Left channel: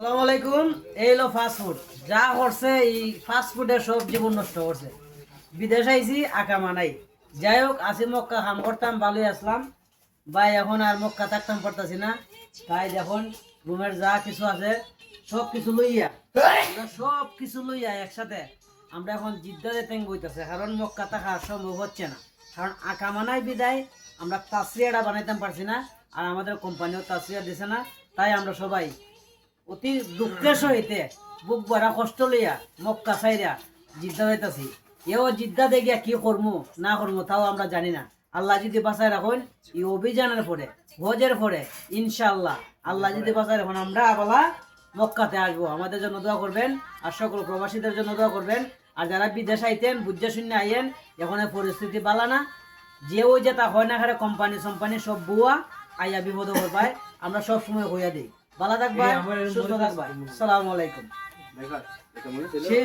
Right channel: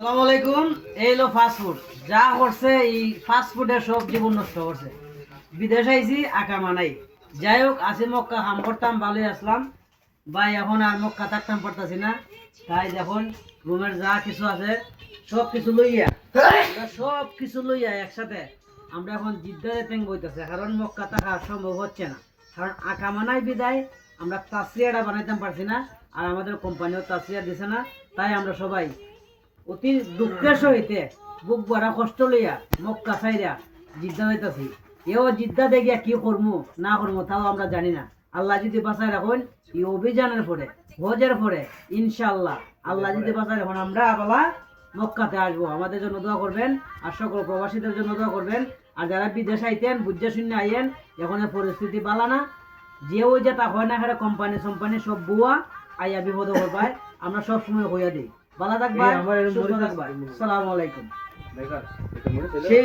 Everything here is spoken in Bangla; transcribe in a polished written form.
আসসালামু আলাইকুম। এই লো ফাস্ট ফুড যা করছে, এই ফাস্ট ফুডের সব জীবন নষ্ট করছে। বিদেশ আইছি আকা মানাই, যাই হোক আসি মক্কা কাম করতাম, ভালোই আসলাম ভাই। এখন আর মক্কা থাকতাম পারতাছি না, তাই এখন রুমের যা কিছু আছে সব কিছু লইয়া একসাথে আমরা এখন জিদ্দারে ট্যাং বইতেছে, কারণ মক্কা থাকা সম্ভব হচ্ছে না। কারণ আকা মানাই বিদায় আমরা তাসরিয়াটা বানাইতাম পারছি না, আর আমাদের কোম্পানিও তাসরিয়া দিছে না। তাই আমরা সবাই অতি দুঃখের সহিতে বুক ভরা কষ্ট লইয়া মক্কা ছাইরা জিদ্দা যাইতাছি। এও জিদ্দা দেখিয়া কি করমু না করমু তাও আমরা জানি না। আল্লাহ যদি বাঁচায় রাখুন, এই অভিযানের পরে হজের পরে ইনশাআল্লাহ আল্লাহ যদি বাঁচায় রাখুন, আমরা আবার মক্কাতে আসবো। আমাদের জন্য দোয়া করবেন, আর সকল প্রবাসীদের জন্য দোয়া করবেন। আর যারা বিদেশ আইতেন বুঝে শুনে আইয়েন, এখন পরিস্থিতি বালা না। যে ওই যে তা হয় না, হারে কোম্পানি সোম্পানি সব বুয়া আইয়া বিপদ করবায়, আমরা সব সময় হইয়া দিই। ভালো থাকবা, সুস্থ থাকবা। আসসালামু আলাইকুম। সেই